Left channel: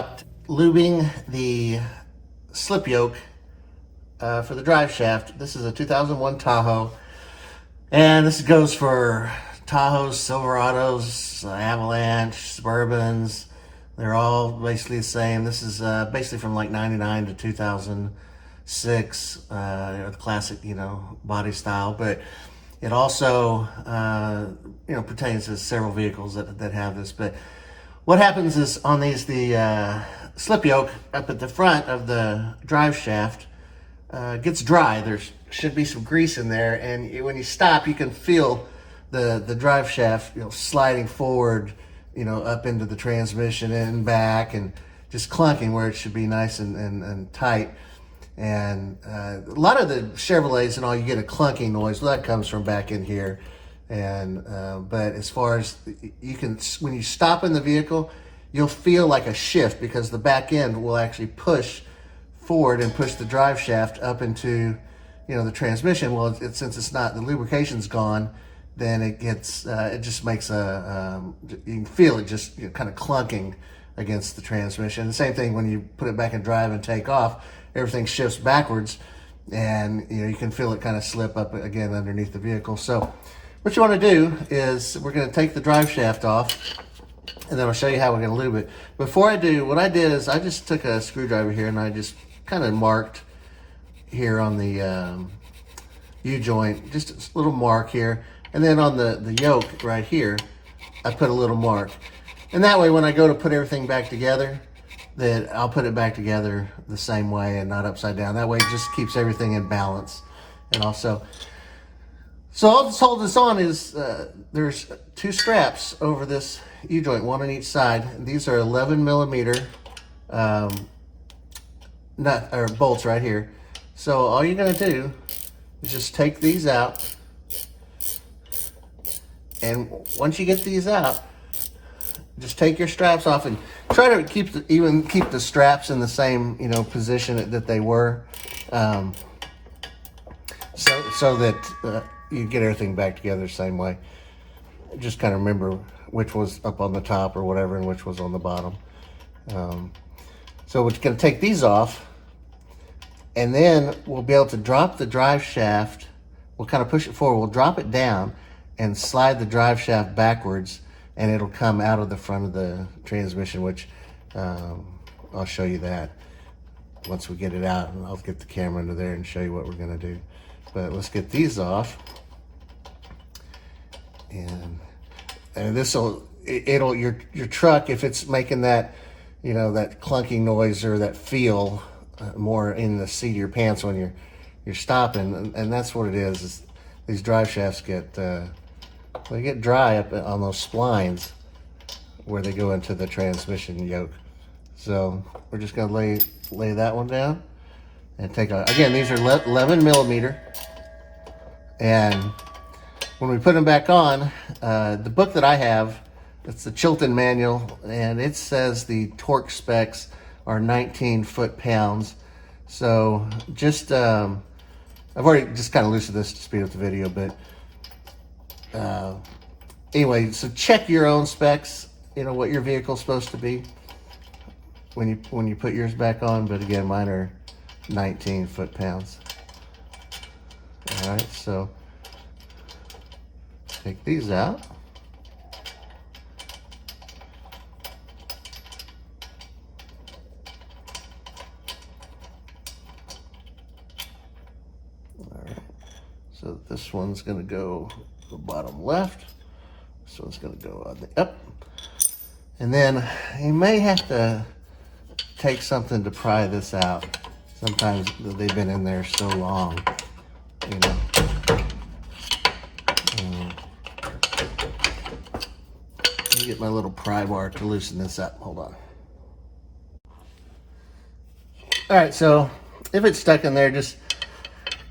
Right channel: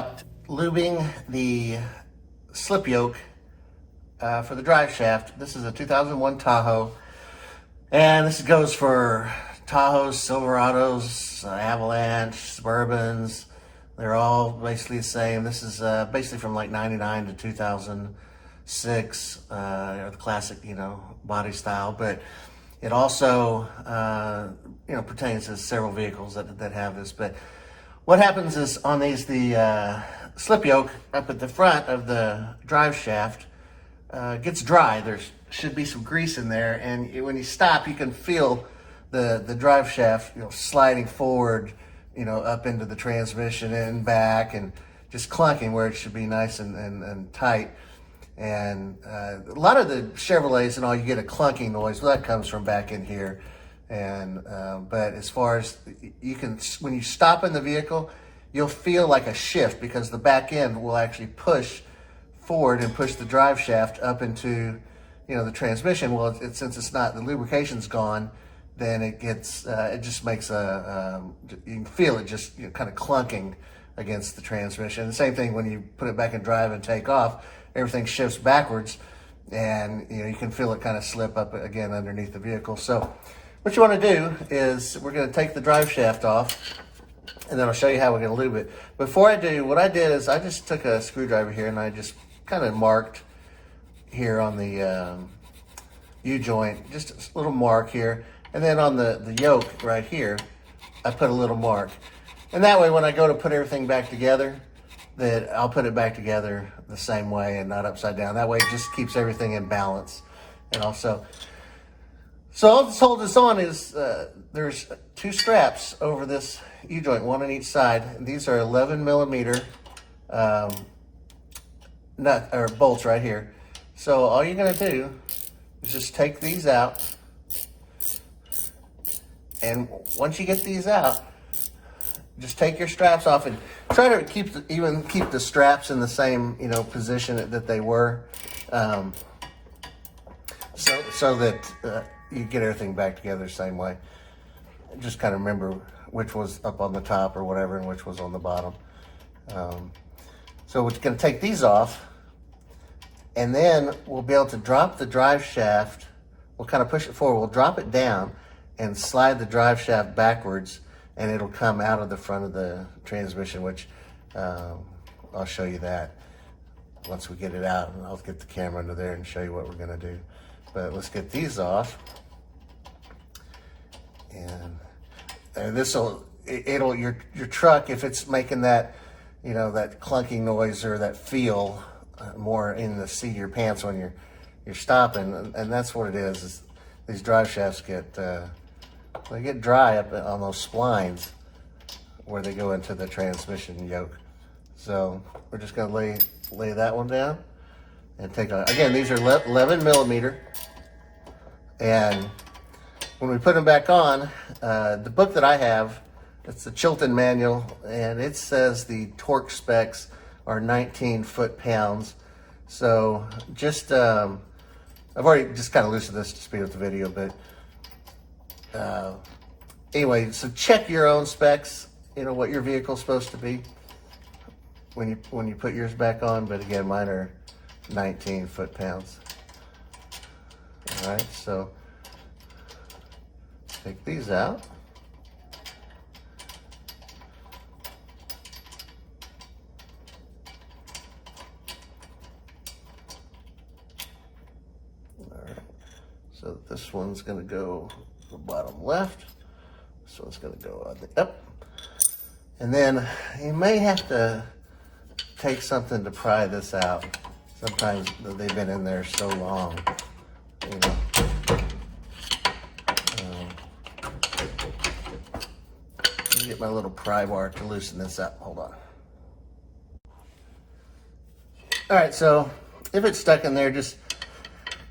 about lubing the slip yoke for the drive shaft. This is a 2001 Tahoe, and this goes for Tahoes, Silverados, Avalanche, Suburbans. They're all basically the same. This is basically from like 99 to 2006, the classic, body style. But it also, pertains to several vehicles that have this. But what happens is on these, the slip yoke up at the front of the drive shaft gets dry. There should be some grease in there, and when you stop, you can feel the drive shaft, sliding forward, up into the transmission and back, and just clunking where it should be nice and tight. And a lot of the Chevrolets and all, you get a clunking noise. Well, that comes from back in here. And but as far as when you stop in the vehicle, you'll feel like a shift, because the back end will actually push forward and push the drive shaft up into, the transmission. Well, since it's not, the lubrication's gone, then it gets, it just makes you can feel it just kind of clunking against the transmission. The same thing when you put it back in drive and take off, everything shifts backwards, and you can feel it kind of slip up again underneath the vehicle. So what you want to do is we're going to take the drive shaft off, and then I'll show you how we're going to lube it. Before I do, what I did is I just took a screwdriver here and I just kind of marked here on the U-joint, just a little mark here. And then on the yoke right here, I put a little mark. And that way when I go to put everything back together, that I'll put it back together the same way and not upside down. That way it just keeps everything in balance. And also, so I'll just hold this on is, there's two straps over this U-joint, one on each side. And these are 11 millimeter bolts right here. So all you're gonna do is just take these out. And once you get these out, just take your straps off and try to keep the straps in the same position that they were, so that you get everything back together the same way. Just kind of remember which was up on the top or whatever, and which was on the bottom. So we're going to take these off, and then we'll be able to drop the drive shaft. We'll kind of push it forward. We'll drop it down and slide the drive shaft backwards, and it'll come out of the front of the transmission, which I'll show you that once we get it out, and I'll get the camera under there and show you what we're going to do. But let's get these off, and this will your truck, if it's making that that clunking noise or that feel more in the seat of your pants when you're stopping, and that's what it is these drive shafts get they get dry up on those splines where they go into the transmission yoke. So we're just going to lay that one down and take on. Again, these are 11 millimeter, and when we put them back on, the book that I have, it's the Chilton manual, and it says the torque specs are 19 foot-pounds. So just I've already just kind of loosened this to speed up the video, but anyway, so check your own specs, what your vehicle's supposed to be when you put yours back on. But again, mine are 19 foot-pounds. All right, so take these out. All right, so this one's going to go the bottom left. This one's going to go on the up. And then you may have to take something to pry this out. Sometimes they've been in there so long. Let me get my little pry bar to loosen this up. Hold on. All right, so if it's stuck in there, just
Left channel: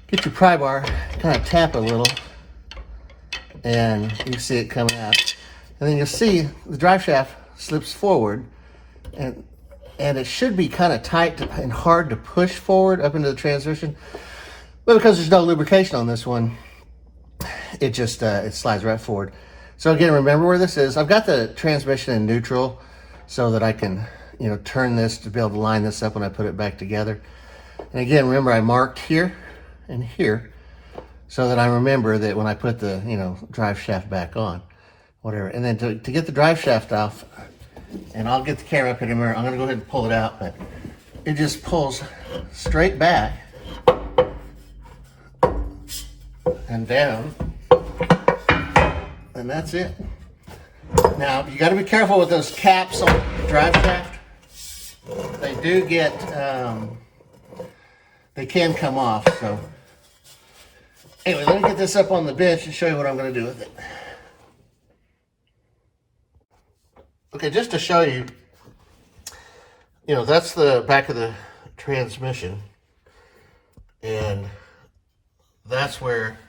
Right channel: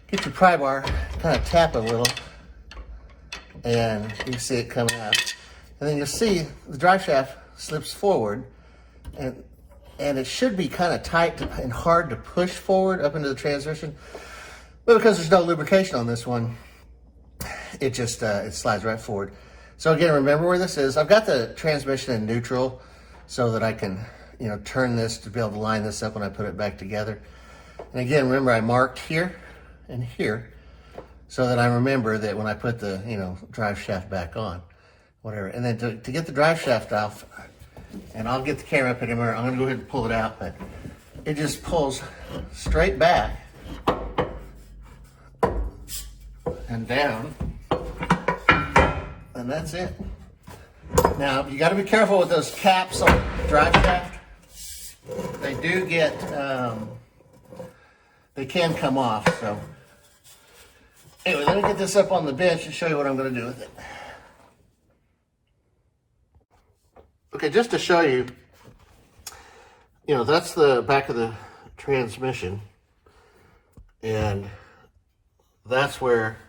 get your pry bar, kind of tap it a little, and you can see it coming out. And then you'll see the drive shaft slips forward, and it should be kind of tight and hard to push forward up into the transmission. But because there's no lubrication on this one, it just it slides right forward. So again, remember where this is. I've got the transmission in neutral so that I can turn this to be able to line this up when I put it back together. And again, remember I marked here and here so that I remember that when I put the, drive shaft back on, whatever. And then to get the drive shaft off, and I'll get the camera up in a minute, I'm gonna go ahead and pull it out, but it just pulls straight back and down, and that's it. Now, you gotta be careful with those caps on the drive shaft. They do get, they can come off, so. Anyway, let me get this up on the bench and show you what I'm gonna do with it. Okay, just to show you, that's the back of the transmission, and that's where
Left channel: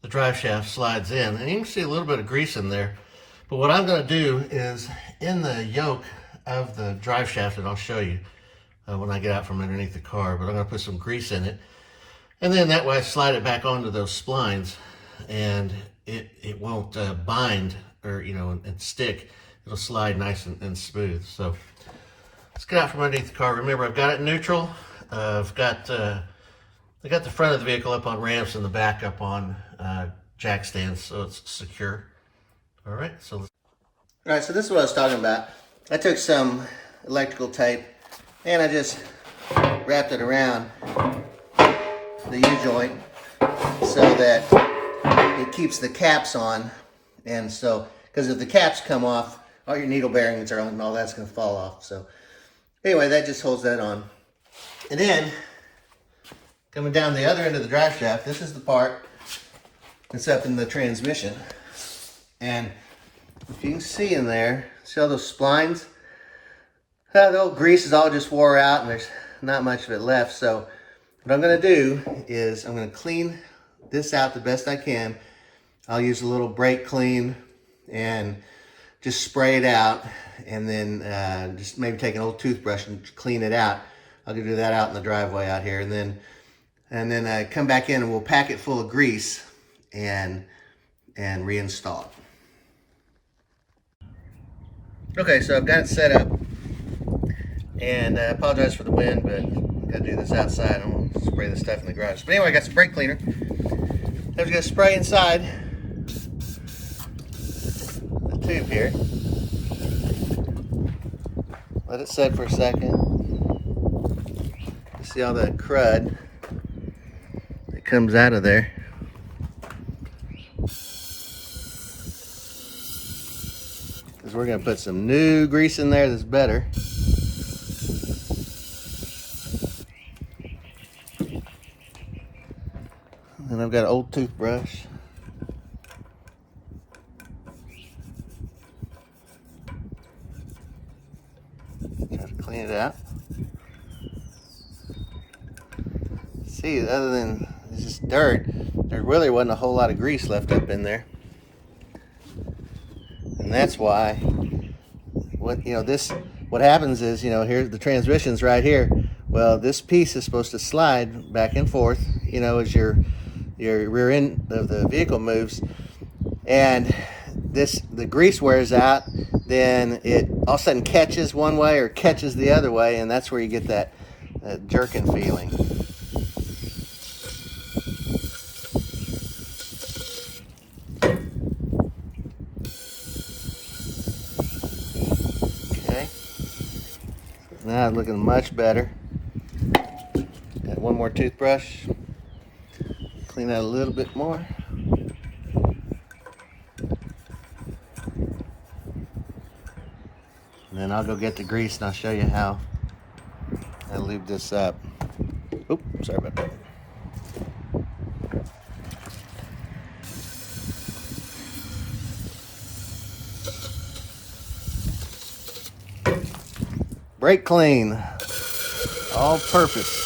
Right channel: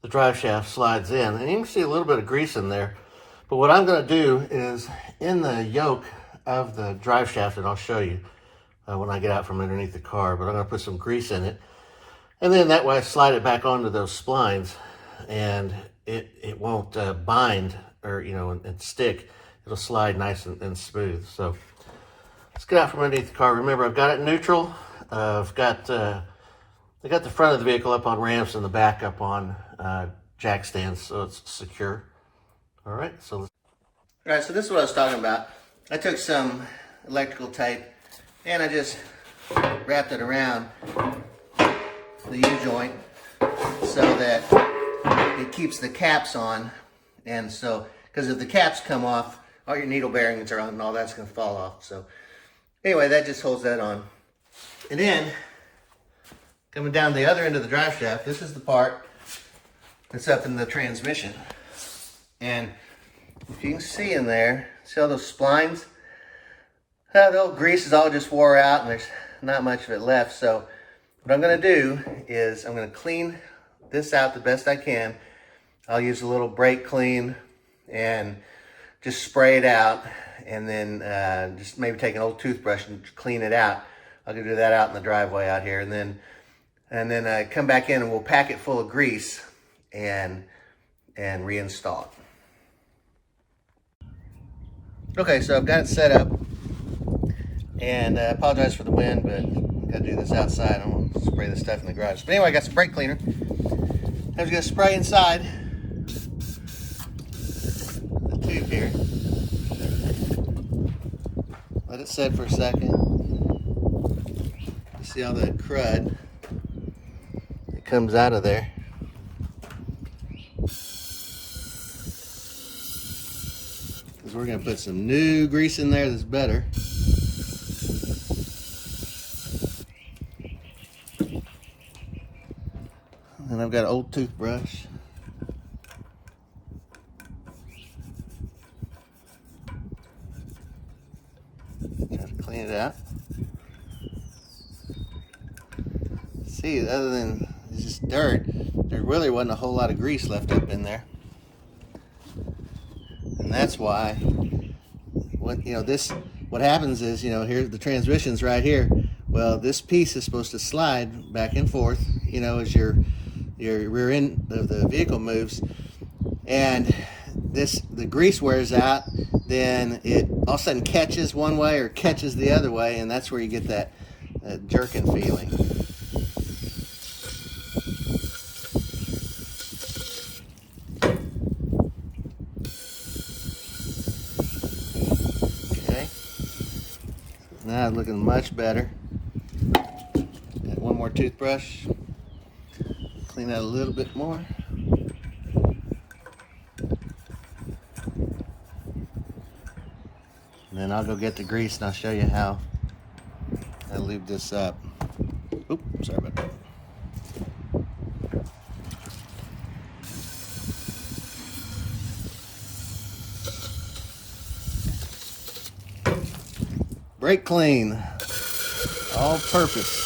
the drive shaft slides in. And you can see a little bit of grease in there. But what I'm going to do is, in the yoke of the drive shaft, and I'll show you when I get out from underneath the car, but I'm going to put some grease in it. And then that way I slide it back onto those splines, and it won't bind or, and stick. It'll slide nice and smooth. So let's get out from underneath the car. Remember, I've got it neutral. I got the front of the vehicle up on ramps and the back up on jack stands, so it's secure. All right, so this is what I was talking about. I took some electrical tape and I just wrapped it around the U-joint so that it keeps the caps on. And so, because if the caps come off, all your needle bearings are on and all that's going to fall off. So anyway, that just holds that on. And then, coming down the other end of the drive shaft, this is the part that's up in the transmission. And if you can see in there, see all those splines? The old grease is all just wore out and there's not much of it left. So what I'm going to do is I'm going to clean this out the best I can. I'll use a little brake clean and just spray it out, and then just maybe take an old toothbrush and clean it out. I'll do that out in the driveway out here, and then come back in and we'll pack it full of grease and reinstall it. Okay, so I've got it set up, and I apologize for the wind, but I've got to do this outside. I'm going to spray this stuff in the garage. But anyway, I got some brake cleaner. I'm just going to spray inside the tube here. Let it set for a second. You see all that crud that comes out of there. Because we're going to put some new grease in there that's better. And I've got an old toothbrush. Try to clean it out. See, other than it's just dirt, there really wasn't a whole lot of grease left up in there. And that's why, what happens is, here the transmission's right here. Well, this piece is supposed to slide back and forth, as your rear end of the vehicle moves, and the grease wears out, then it all of a sudden catches one way or catches the other way, and that's where you get that jerking feeling. Okay, now it's looking much better. Got one more toothbrush. Clean that a little bit more. And then I'll go get the grease and I'll show you how I lube this up. Oop, sorry about that. Brake clean, all purpose.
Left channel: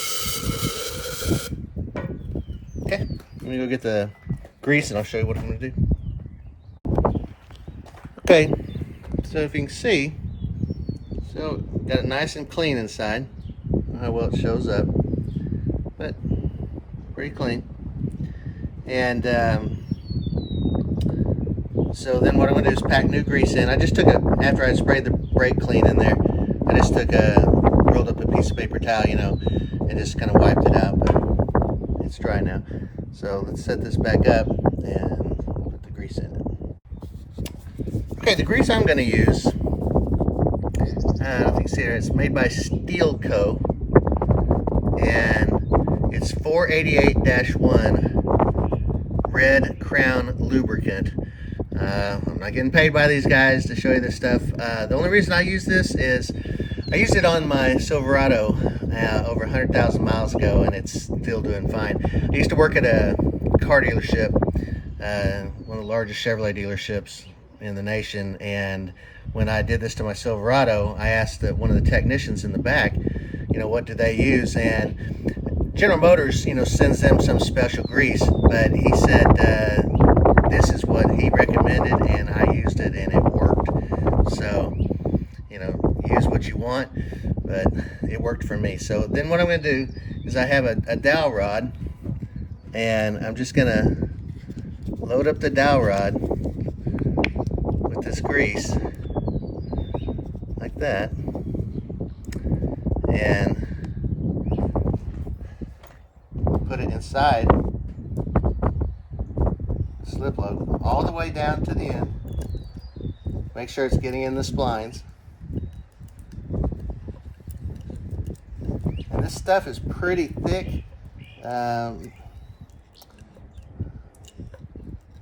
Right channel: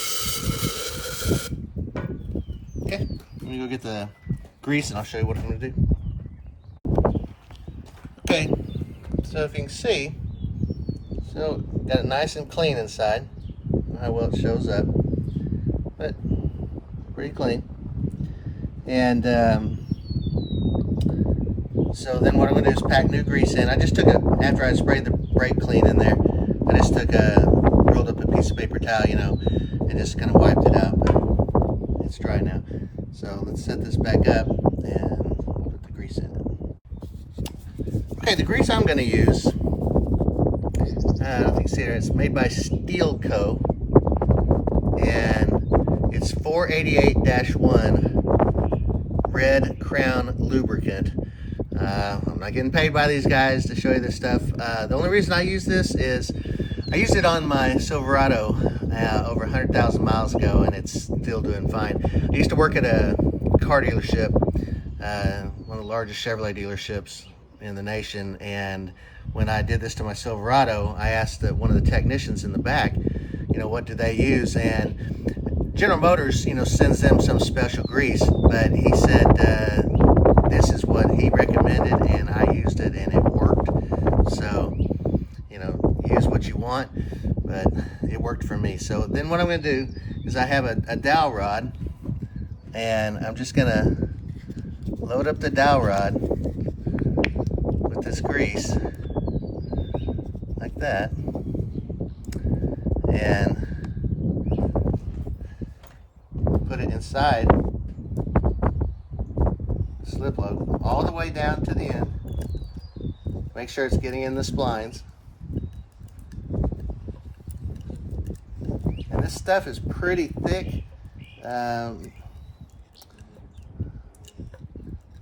Okay, let me go get the grease and I'll show you what I'm going to do. Okay, so if you can see, so got it nice and clean inside. I don't know how well it shows up, but pretty clean. And so then what I'm going to do is pack new grease in. I just took it after I sprayed the brake clean in there. I just took rolled up a piece of paper towel, you know, and just kind of wiped it out. But it's dry now. So let's set this back up and put the grease in it. Okay, the grease I'm going to use, I don't know if you can see it, it's made by Steel Co. And it's 488-1 Red Crown lubricant. I'm not getting paid by these guys to show you this stuff. The only reason I use this is I used it on my Silverado over 100,000 miles ago, and it's still doing fine. I used to work at a car dealership, one of the largest Chevrolet dealerships in the nation, and when I did this to my Silverado, I asked one of the technicians in the back, you know, what do they use? And General Motors, you know, sends them some special grease, but he said this is what he recommended, and I used it, and it worked. So, you know, use what you want, but it worked for me. So then what I'm going to do is I have a dowel rod, and I'm just going to load up the dowel rod with this grease like that, and put it inside the slip load all the way down to the end. Make sure it's getting in the splines. And this stuff is pretty thick.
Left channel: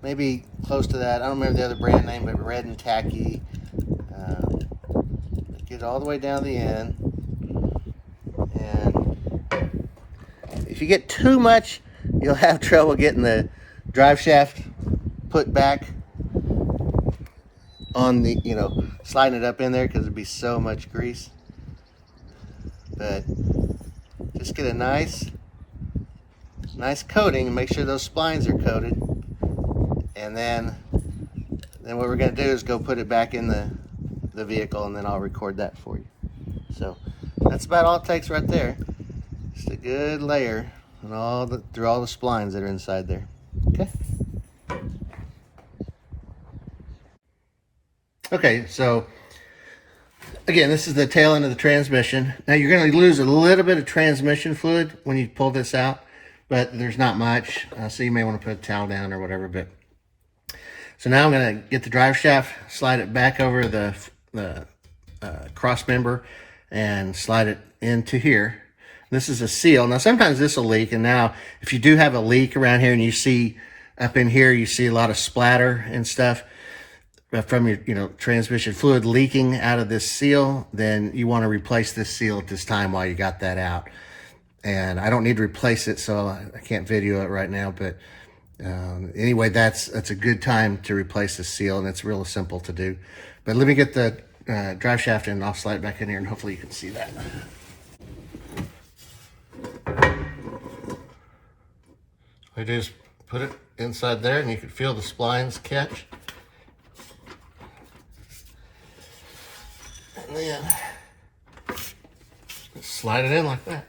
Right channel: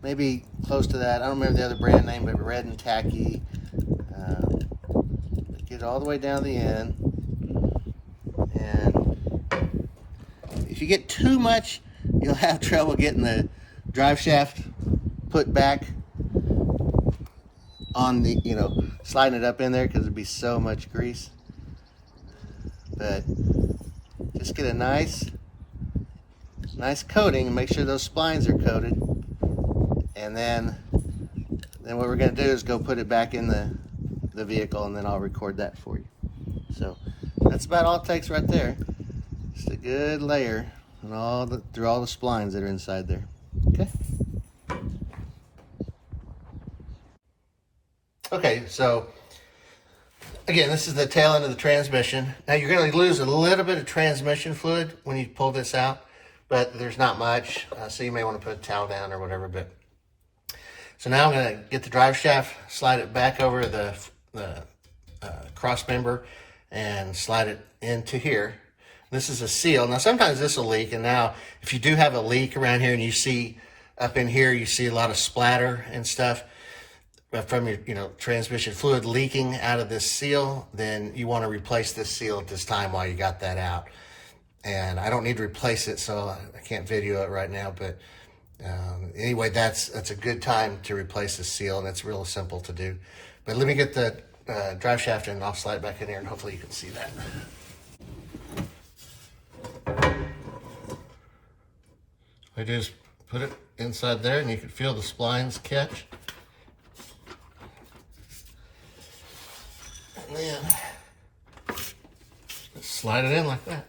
Maybe close to that. I don't remember the other brand name, but red and tacky. Get it all the way down the end. And if you get too much, you'll have trouble getting the drive shaft put back on the, you know, sliding it up in there, because there'd be so much grease. But just get a nice coating and make sure those splines are coated. And then what we're going to do is go put it back in the vehicle, and then I'll record that for you. So that's about all it takes right there. Just a good layer and through all the splines that are inside there. Okay. Okay, so again, this is the tail end of the transmission. Now you're going to lose a little bit of transmission fluid when you pull this out, but there's not much, so you may want to put a towel down or whatever. But so now I'm going to get the drive shaft, slide it back over the cross member, and slide it into here. This is a seal. Now sometimes this will leak, and now if you do have a leak around here and you see up in here, you see a lot of splatter and stuff from your, you know, transmission fluid leaking out of this seal, then you want to replace this seal at this time while you got that out. And I don't need to replace it, so I can't video it right now, but anyway, that's a good time to replace the seal, and it's real simple to do. But let me get the drive shaft in, and I'll slide it back in here, and hopefully you can see that. I just put it inside there, and you can feel the splines catch. And then slide it in like that.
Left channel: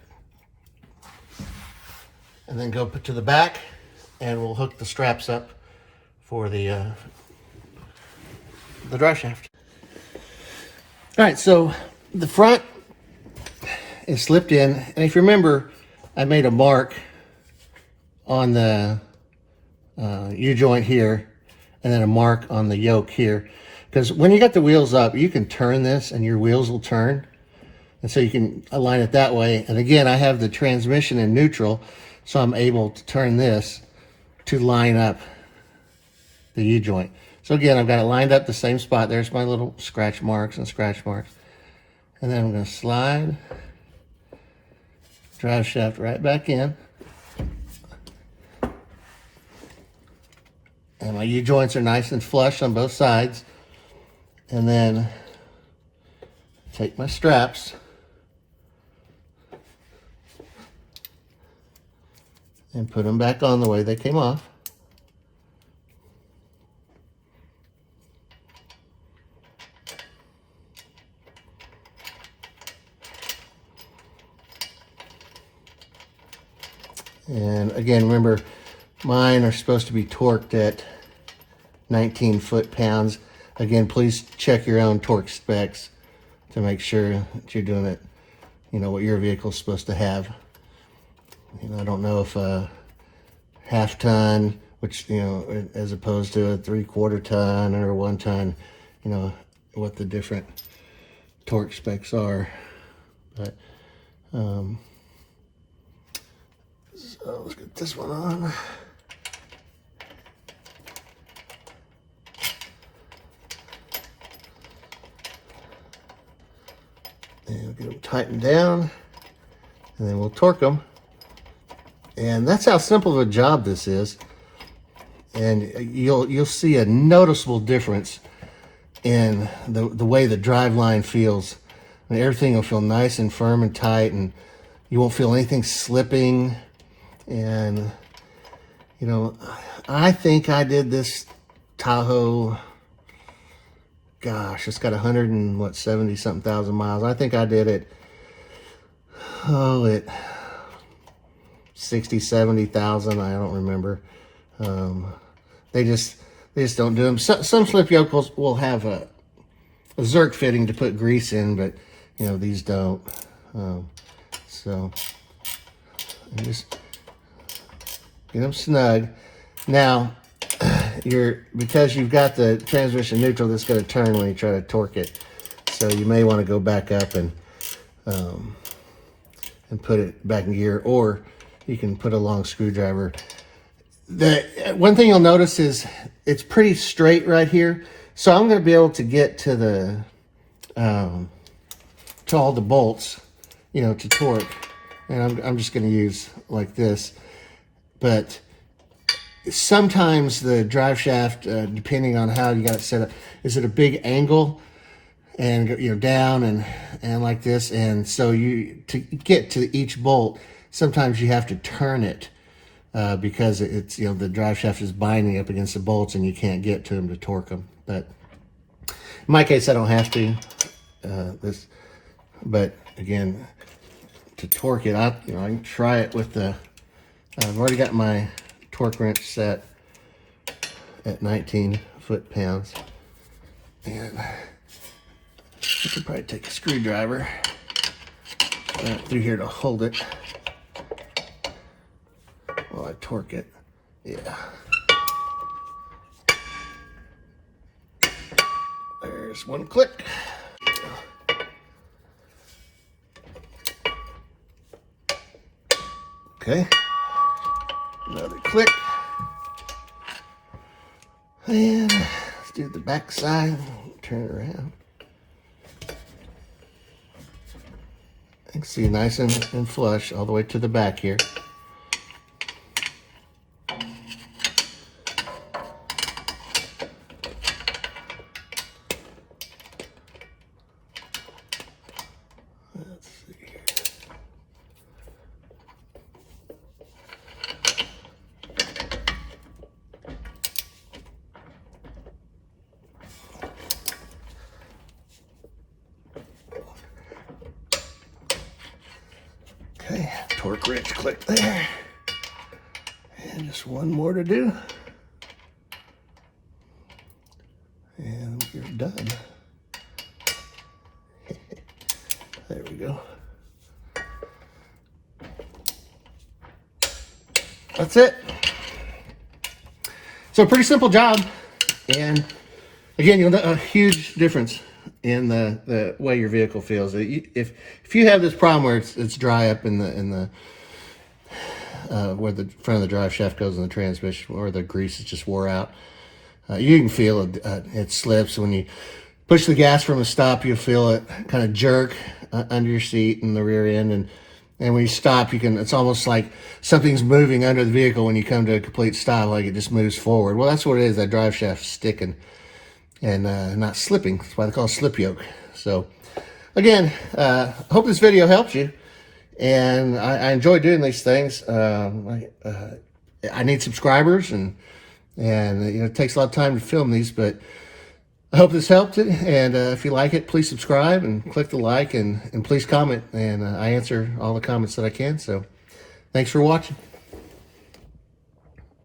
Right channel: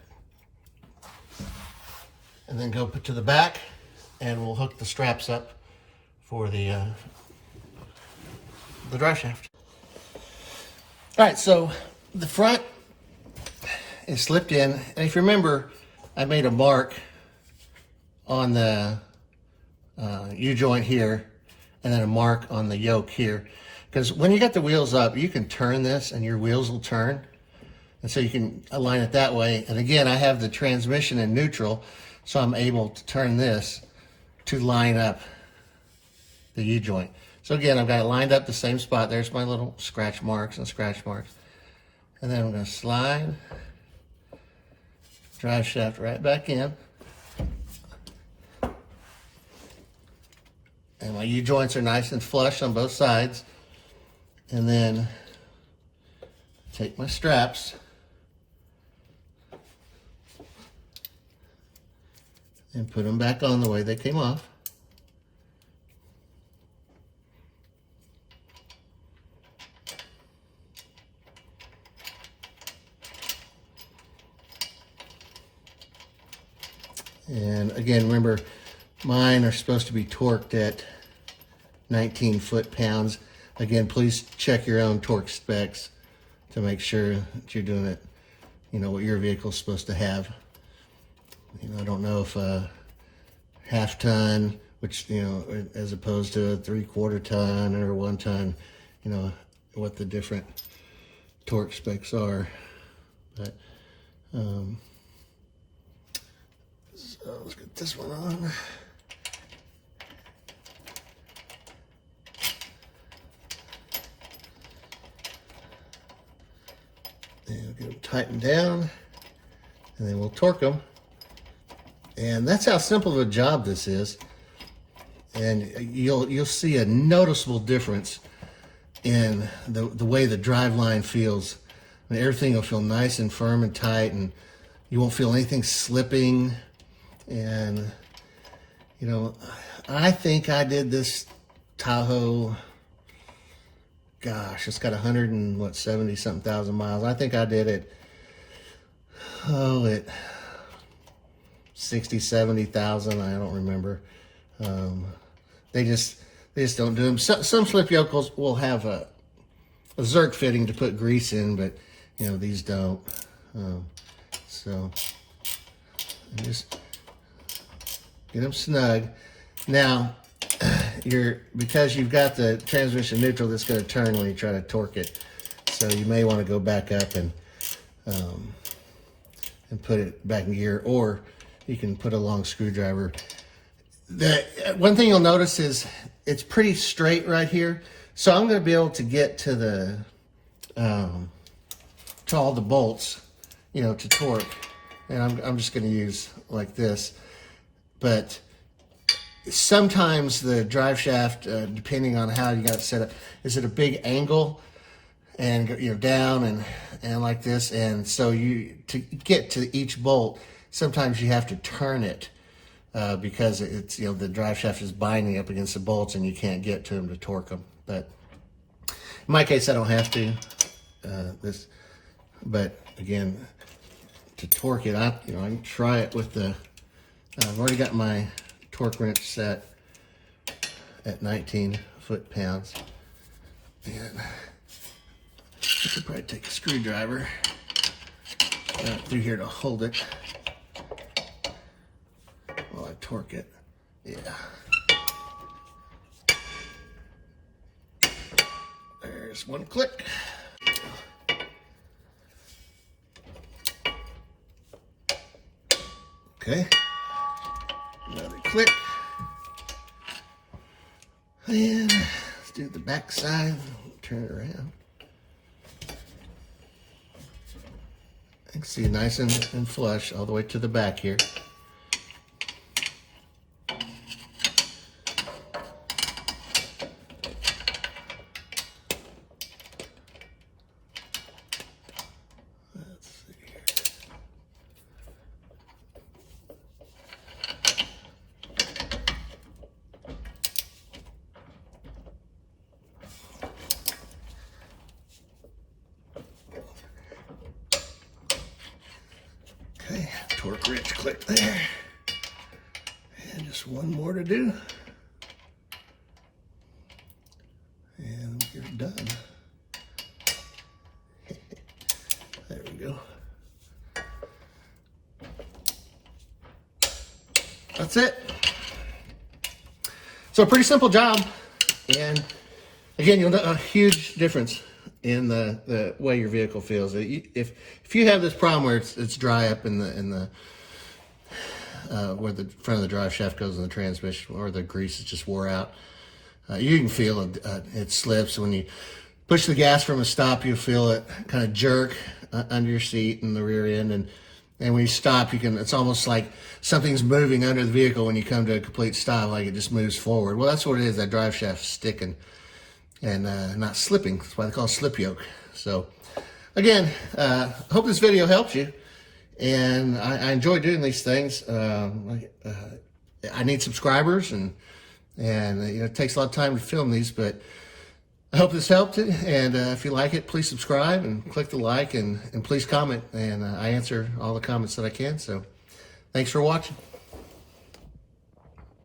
And then go put to the back, and we'll hook the straps up for the drive shaft. All right, so the front is slipped in, and if you remember, I made a mark on the U-joint here, and then a mark on the yoke here, because when you got the wheels up, you can turn this and your wheels will turn, and so you can align it that way. And again, I have the transmission in neutral, so I'm able to turn this to line up the U-joint. So again, I've got it lined up the same spot. There's my little scratch marks. And then I'm going to slide drive shaft right back in. And my U-joints are nice and flush on both sides. And then take my straps and put them back on the way they came off. And again, remember, mine are supposed to be torqued at 19 foot-pounds. Again, please check your own torque specs to make sure that you're doing it, you know, what your vehicle is supposed to have. You know, I don't know if half ton, which, you know, as opposed to a 3/4 ton or 1 ton, you know, what the different torque specs are. But so let's get this one on. And we'll get them tightened down, and then we'll torque them. And that's how simple of a job this is. And you'll see a noticeable difference in the way the drive line feels. And everything will feel nice and firm and tight, and you won't feel anything slipping. And you know, I think I did this Tahoe, gosh, it's got 170 something thousand miles. I think I did it, at 60, 70,000. I don't remember. They just don't do them. Some slip yokels will have a Zerk fitting to put grease in, but you know, these don't. So just get them snug. Now, because you've got the transmission neutral that's going to turn when you try to torque it, so you may want to go back up and put it back in gear, or you can put a long screwdriver. The one thing you'll notice is it's pretty straight right here, so I'm going to be able to get to the to all the bolts, you know, to torque, and I'm just going to use like this. But sometimes the drive shaft, depending on how you got it set up, is at a big angle and, you know, down and like this, and so to get to each bolt, sometimes you have to turn it because it's, you know, the drive shaft is binding up against the bolts and you can't get to them to torque them. But in my case, I don't have to. But again, to torque it, I can try it with the. I've already got my torque wrench set at 19 foot-pounds, and you could probably take a screwdriver through here to hold it while I torque it. Yeah. There's one click. Okay. Another click. And let's do the back side. Turn it around. You can see nice and flush all the way to the back here. Let's see here. Okay, torque wrench click there. And just one more to do. And you're done. There we go. That's it. So pretty simple job. And again, you'll know a huge difference in the way your vehicle feels. If you have this problem where it's dry up in the where the front of the drive shaft goes in the transmission, or the grease is just wore out, you can feel it slips. When you push the gas from a stop, you feel it kind of jerk under your seat in the rear end, and when you stop, it's almost like something's moving under the vehicle when you come to a complete stop, like it just moves forward. Well, that's what it is. That drive shaft's sticking and not slipping. That's why they call it slip yoke. So again, hope this video helped you, and I enjoy doing these things. I need subscribers, and you know, it takes a lot of time to film these, but I hope this helped it. And if you like it, please subscribe and click the like, and please comment, and I answer all the comments that I can. So thanks for watching.